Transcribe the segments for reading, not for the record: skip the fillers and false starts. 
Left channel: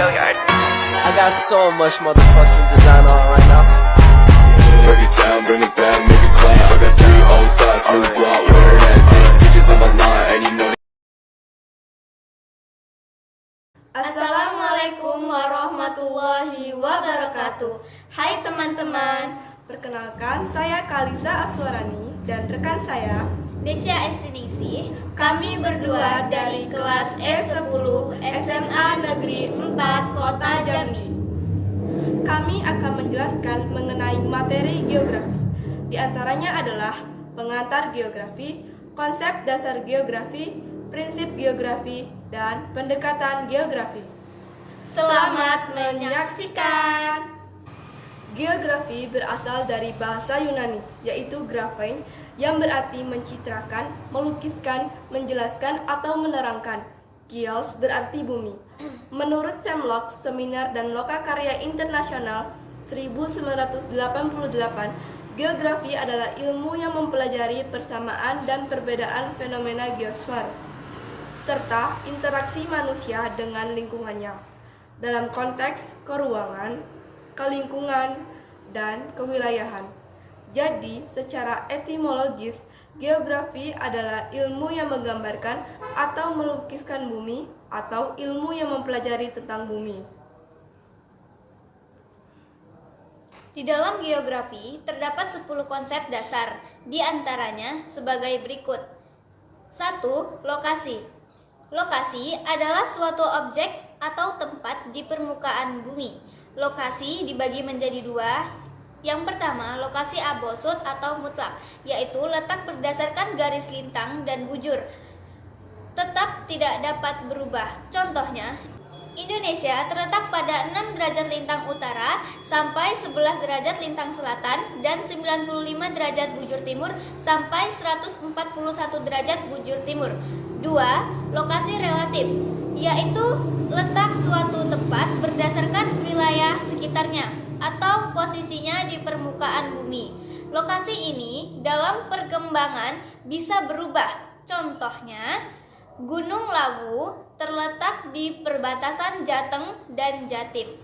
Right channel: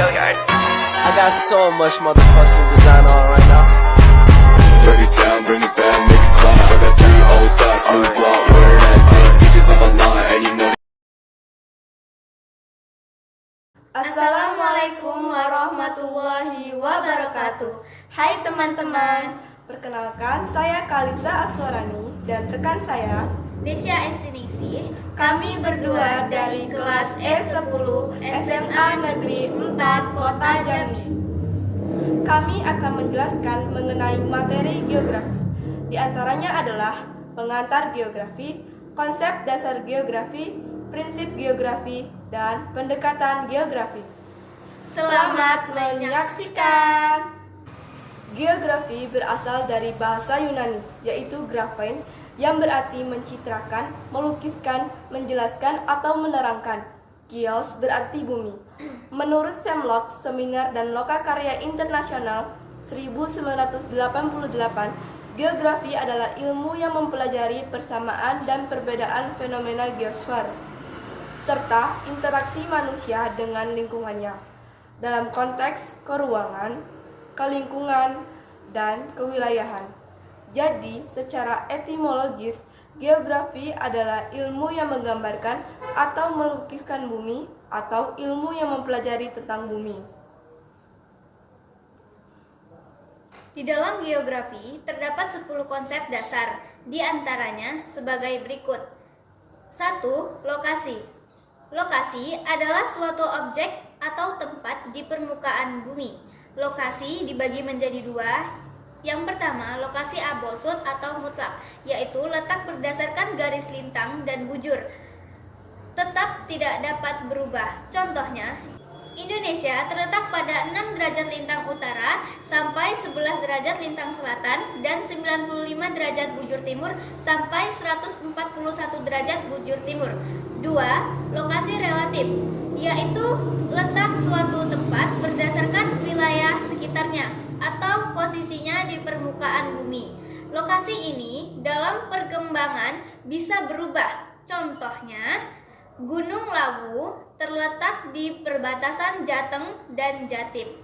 I got so much motherfucking design on right now. Break it down, bring it back, make it clap. I got 3 old thoughts, new block, where that thing. Bitches on my line, and you know. Assalamualaikum warahmatullahi wabarakatuh. Hai teman-teman, perkenalkan saya Kalisa Aswarani dan rekan saya Desya Estiningsih. Kami berdua dari kelas E10 SMA Negeri 4 Kota Jambi. Kami akan menjelaskan mengenai materi geografi. Di antaranya adalah pengantar geografi, konsep dasar geografi, prinsip geografi, dan pendekatan geografi. Selamat menyaksikan! Geografi berasal dari bahasa Yunani, yaitu graphein, yang berarti mencitrakan, melukiskan, menjelaskan, atau menerangkan. Geos berarti bumi. Menurut Semlok, Seminar dan Lokakarya Internasional 1988, geografi adalah ilmu yang mempelajari persamaan dan perbedaan fenomena geosfer, serta interaksi manusia dengan lingkungannya, dalam konteks keruangan, kelingkungan, dan kewilayahan. Jadi, secara etimologis, geografi adalah ilmu yang menggambarkan atau melukiskan bumi, atau ilmu yang mempelajari tentang bumi. Di dalam geografi terdapat 10 konsep dasar, di antaranya sebagai berikut. 1. Lokasi. Lokasi adalah suatu objek atau tempat di permukaan bumi. Lokasi dibagi menjadi 2. Yang pertama, lokasi absolut atau mutlak, yaitu letak berdasarkan garis lintang dan bujur, tetap tidak dapat berubah. Contohnya, Indonesia terletak pada 6 derajat lintang utara sampai 11 derajat lintang selatan dan 95 derajat bujur timur sampai 141 derajat bujur timur. 2. Lokasi relatif, yaitu letak suatu tempat berdasarkan wilayah sekitarnya atau posisinya di permukaan bumi. Lokasi ini dalam perkembangan bisa berubah. Contohnya, Gunung Lawu terletak di perbatasan Jateng dan Jatim.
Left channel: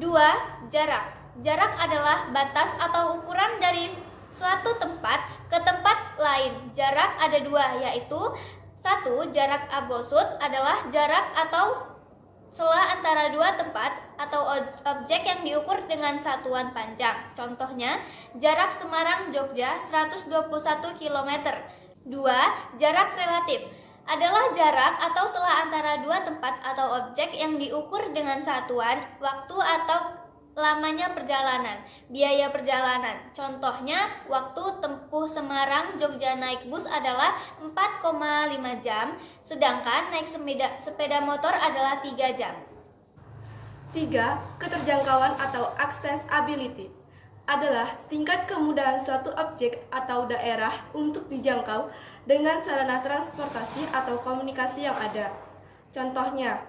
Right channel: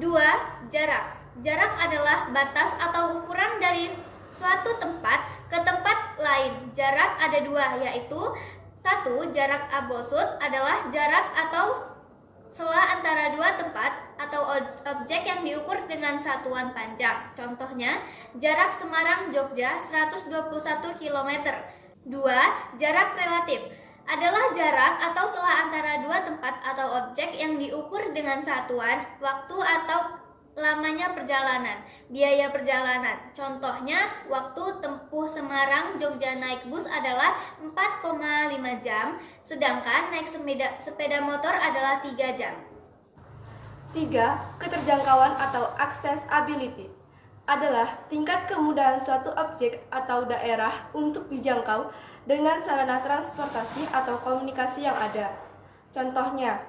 2. Jarak. Jarak adalah batas atau ukuran dari suatu tempat ke tempat lain. Jarak ada 2, yaitu 1. Jarak absolut adalah jarak atau sela antara 2 tempat atau objek yang diukur dengan satuan panjang. Contohnya, jarak Semarang-Jogja 121 km. 2. Jarak relatif adalah jarak atau sela antara 2 tempat atau objek yang diukur dengan satuan waktu atau lamanya perjalanan, biaya perjalanan. Contohnya, waktu tempuh Semarang-Jogja naik bus adalah 4,5 jam, sedangkan naik sepeda motor adalah 3 jam. 3. Keterjangkauan atau accessibility adalah tingkat kemudahan suatu objek atau daerah untuk dijangkau dengan sarana transportasi atau komunikasi yang ada. Contohnya,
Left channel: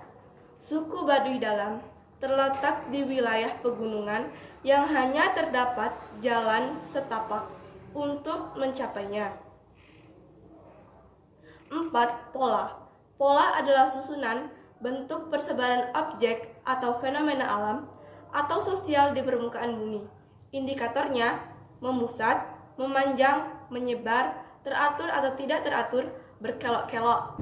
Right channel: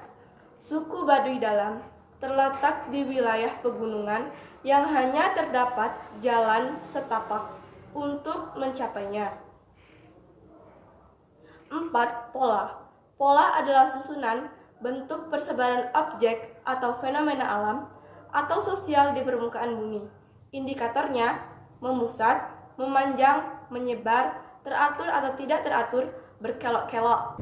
suku Baduy Dalam terletak di wilayah pegunungan yang hanya terdapat jalan setapak untuk mencapainya. 4. Pola. Pola adalah susunan bentuk persebaran objek atau fenomena alam atau sosial di permukaan bumi. Indikatornya memusat, memanjang, menyebar, teratur atau tidak teratur, berkelok-kelok.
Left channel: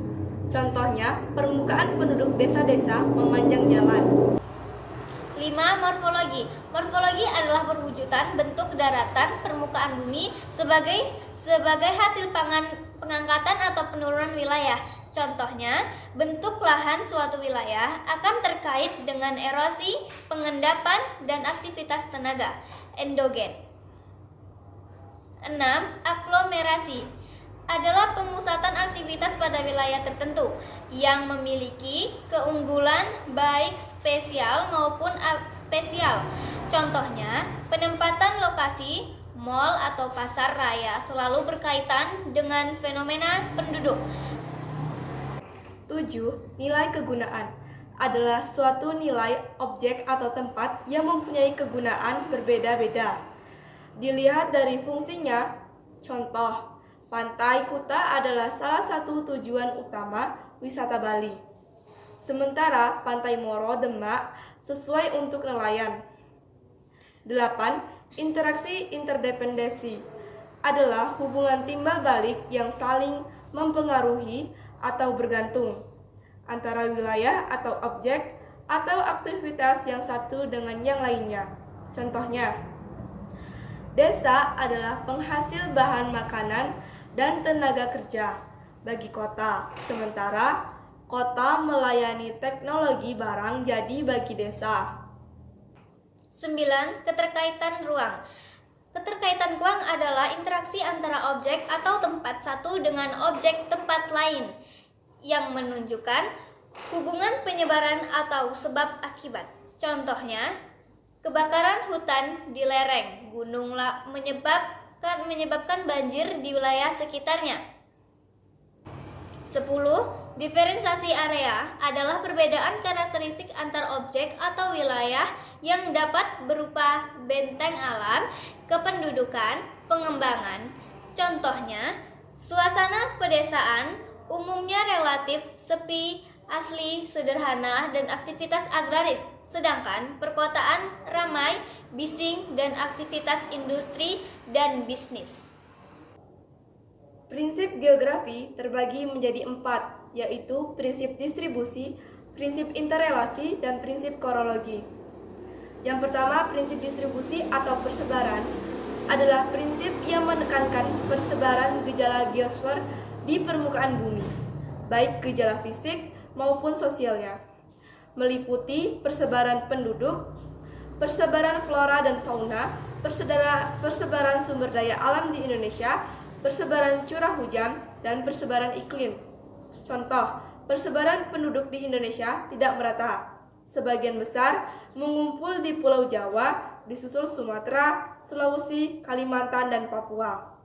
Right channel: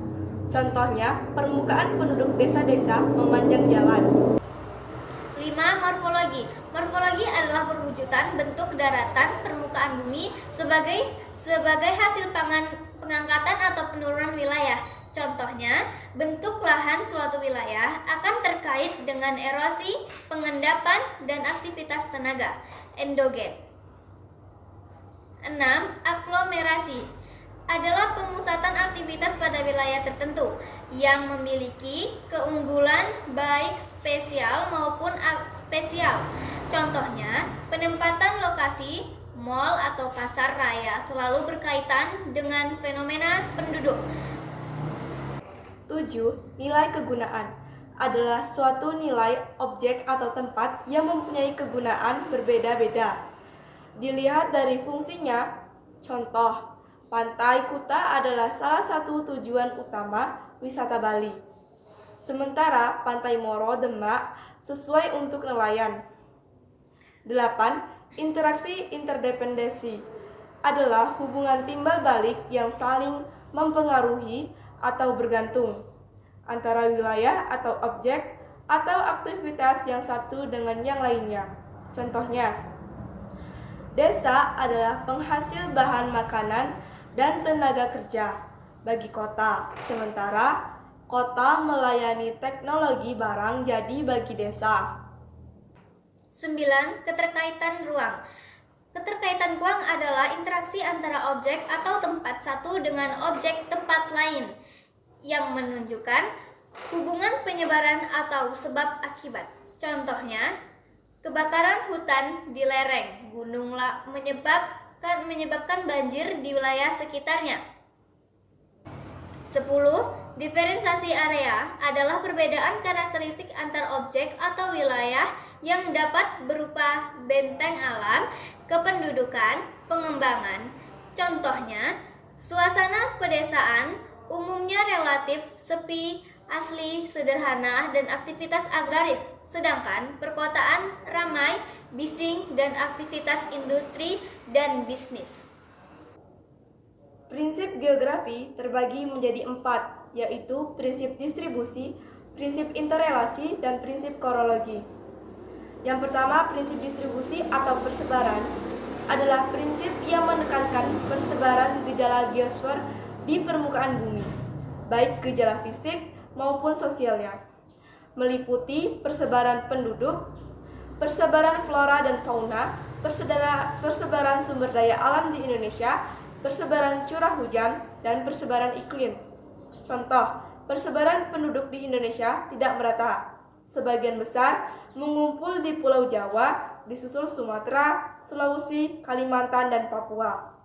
Contohnya, permukaan penduduk desa-desa memanjang jalan. 5. Morfologi. Morfologi adalah perwujudan bentuk daratan permukaan bumi sebagai hasil pengangkatan atau penurunan wilayah. Contohnya, bentuk lahan suatu wilayah akan terkait dengan erosi, pengendapan, dan aktivitas tenaga endogen. 6. Aglomerasi adalah pemusatan aktivitas pada wilayah tertentu yang memiliki keunggulan baik spesial maupun spesial. Contohnya, penempatan lokasi mal atau pasar raya selalu berkaitan dengan fenomena penduduk. 7. Nilai kegunaan adalah suatu nilai objek atau tempat yang mempunyai kegunaan berbeda-beda. Dilihat dari fungsinya, contoh, Pantai Kuta adalah salah satu tujuan utama wisata Bali. sementara Pantai Moro Demak sesuai untuk nelayan. 8. Interaksi interdependensi adalah hubungan timbal balik yang saling mempengaruhi atau bergantung antara wilayah atau objek atau aktivitas yang satu dengan yang lainnya. Contohnya, desa adalah penghasil bahan makanan dan tenaga kerja bagi kota, sementara kota melayani teknologi barang jadi bagi desa. 9. Keterkaitan ruang. Keterkaitan ruang adalah interaksi antara objek atau tempat satu dengan objek tempat lain yang menunjukkan hubungan penyebaran atau sebab akibat. Contohnya, kebakaran hutan di lereng gunung menyebabkan banjir di wilayah sekitarnya. 10. Diferensiasi area adalah perbedaan karakteristik antar objek atau wilayah yang dapat berupa benteng alam, kependudukan, pengembangan. Contohnya, suasana pedesaan umumnya relatif sepi, asli, sederhana, dan aktivitas agraris, sedangkan perkotaan ramai, bising, dan aktivitas industri dan bisnis. Prinsip geografi terbagi menjadi 4, yaitu prinsip distribusi, prinsip interrelasi, dan prinsip korologi. Yang pertama, prinsip distribusi atau persebaran adalah prinsip yang menekankan persebaran gejala geosfer di permukaan bumi, baik gejala fisik maupun sosialnya, meliputi persebaran penduduk, persebaran flora dan fauna, persebaran sumber daya alam di Indonesia, persebaran curah hujan, dan persebaran iklim. Contoh, persebaran penduduk di Indonesia tidak merata. Sebagian besar mengumpul di Pulau Jawa, disusul Sumatera, Sulawesi, Kalimantan, dan Papua.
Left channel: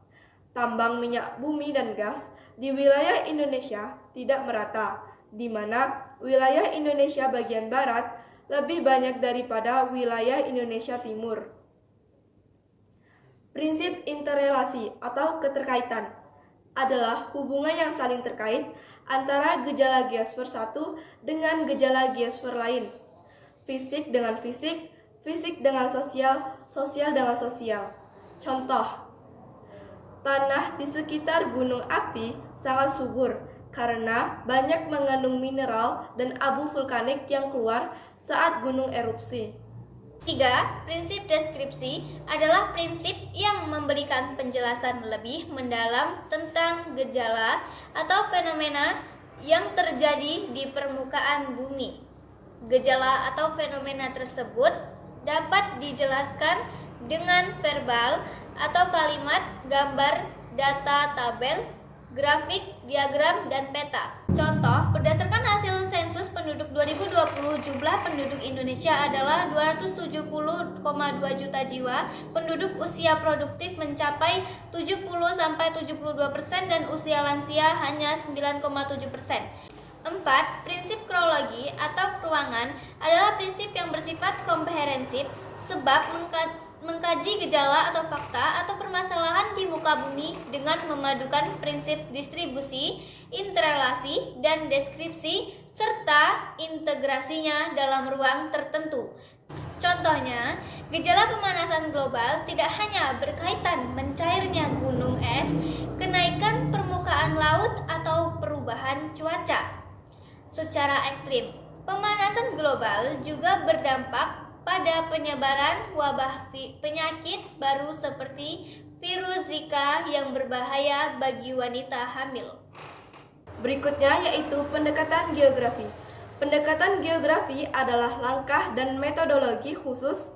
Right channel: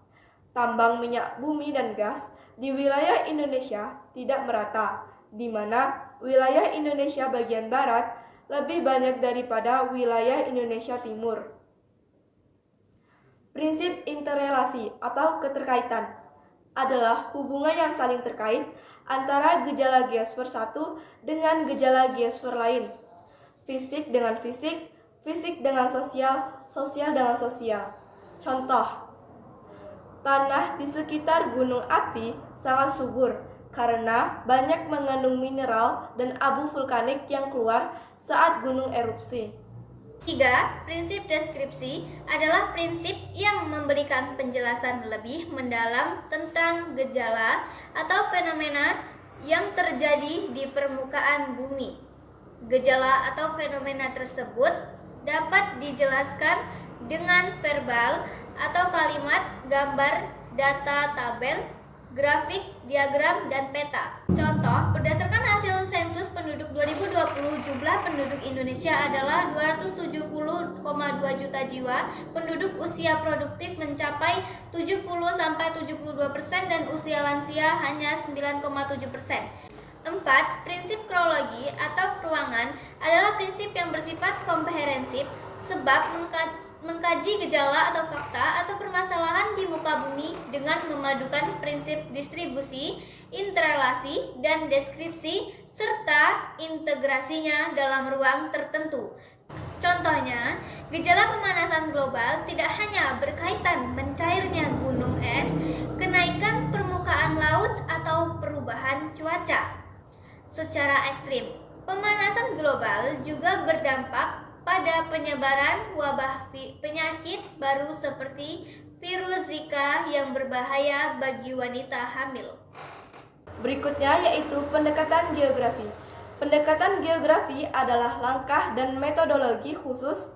Tambang minyak bumi dan gas di wilayah Indonesia tidak merata, di mana wilayah Indonesia bagian barat lebih banyak daripada wilayah Indonesia timur. Prinsip interrelasi atau keterkaitan adalah hubungan yang saling terkait antara gejala geosfer satu dengan gejala geosfer lain. Fisik dengan fisik, fisik dengan sosial, sosial dengan sosial. Contoh, tanah di sekitar gunung api sangat subur karena banyak mengandung mineral dan abu vulkanik yang keluar saat gunung erupsi. 3. Prinsip deskripsi adalah prinsip yang memberikan penjelasan lebih mendalam tentang gejala atau fenomena yang terjadi di permukaan bumi. Gejala atau fenomena tersebut dapat dijelaskan dengan verbal atau kalimat, gambar, data, tabel, grafik, diagram, dan peta. Contoh, berdasarkan hasil sensus penduduk 2020, jumlah penduduk Indonesia adalah 270,2 juta jiwa, penduduk usia produktif mencapai 70-72% dan usia lansia hanya 9,7%. 4. Prinsip kronologi atau ruangan adalah prinsip yang bersifat komprehensif sebab mengkaji gejala atau fakta atau permasalahan di muka bumi dengan memadukan prinsip distribusi, interrelasi, dan deskripsi serta integrasinya dalam ruang tertentu. Contohnya, gejala pemanasan global tidak hanya berkaitan mencairnya gunung es, kenaikan permukaan laut, atau perubahan cuaca secara ekstrim. Pemanasan global juga berdampak pada penyebaran wabah penyakit baru seperti virus Zika yang berbahaya bagi wanita hamil. Berikutnya yaitu pendekatan geografi. Pendekatan geografi adalah langkah dan metodologi khusus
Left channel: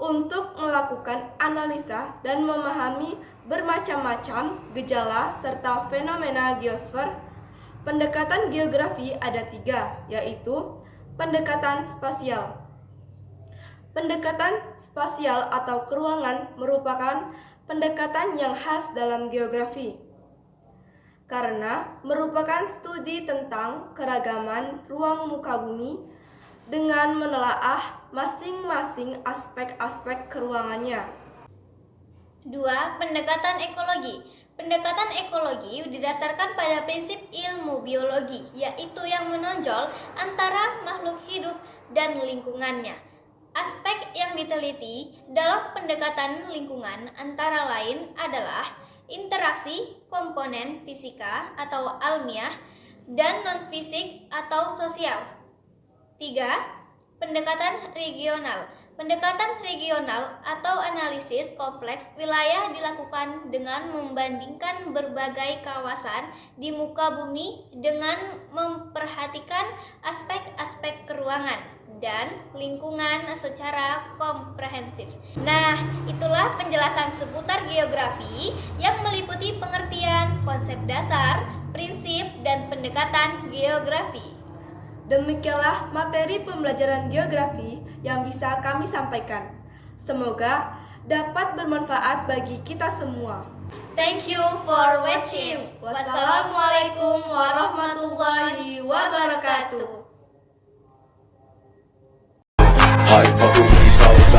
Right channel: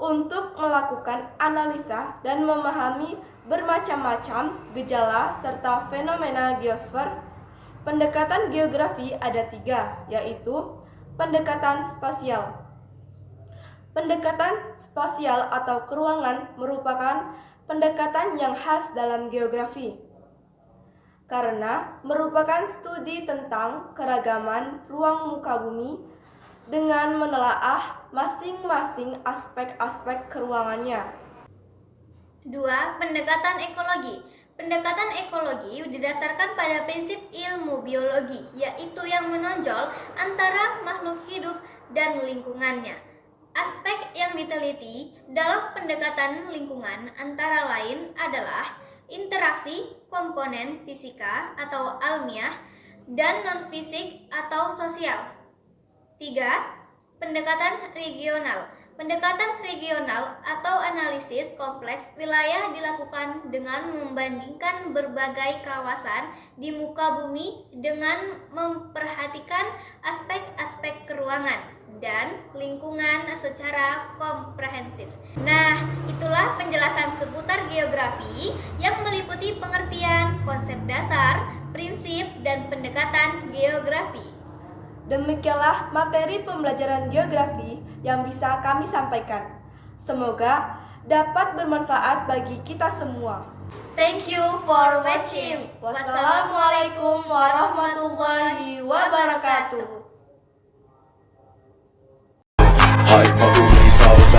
untuk melakukan analisa dan memahami bermacam-macam gejala serta fenomena geosfer. Pendekatan geografi ada 3, yaitu pendekatan spasial. Pendekatan spasial atau keruangan merupakan pendekatan yang khas dalam geografi karena merupakan studi tentang keragaman ruang muka bumi dengan menelaah masing-masing aspek-aspek keruangannya. 2. Pendekatan ekologi. Pendekatan ekologi didasarkan pada prinsip ilmu biologi, yaitu yang menonjol antara makhluk hidup dan lingkungannya. Aspek yang diteliti dalam pendekatan lingkungan antara lain adalah interaksi komponen fisika atau alamiah dan non-fisik atau sosial. 3. Pendekatan regional. Pendekatan regional atau analisis kompleks wilayah dilakukan dengan membandingkan berbagai kawasan di muka bumi dengan memperhatikan aspek-aspek keruangan dan lingkungan secara komprehensif. Nah, itulah penjelasan seputar geografi yang meliputi pengertian, konsep dasar, prinsip, dan pendekatan geografi. Demikianlah materi pembelajaran geografi yang bisa kami sampaikan. Semoga dapat bermanfaat bagi kita semua. Thank you for watching. Wassalamualaikum warahmatullahi wabarakatuh. I fucking with these hoes,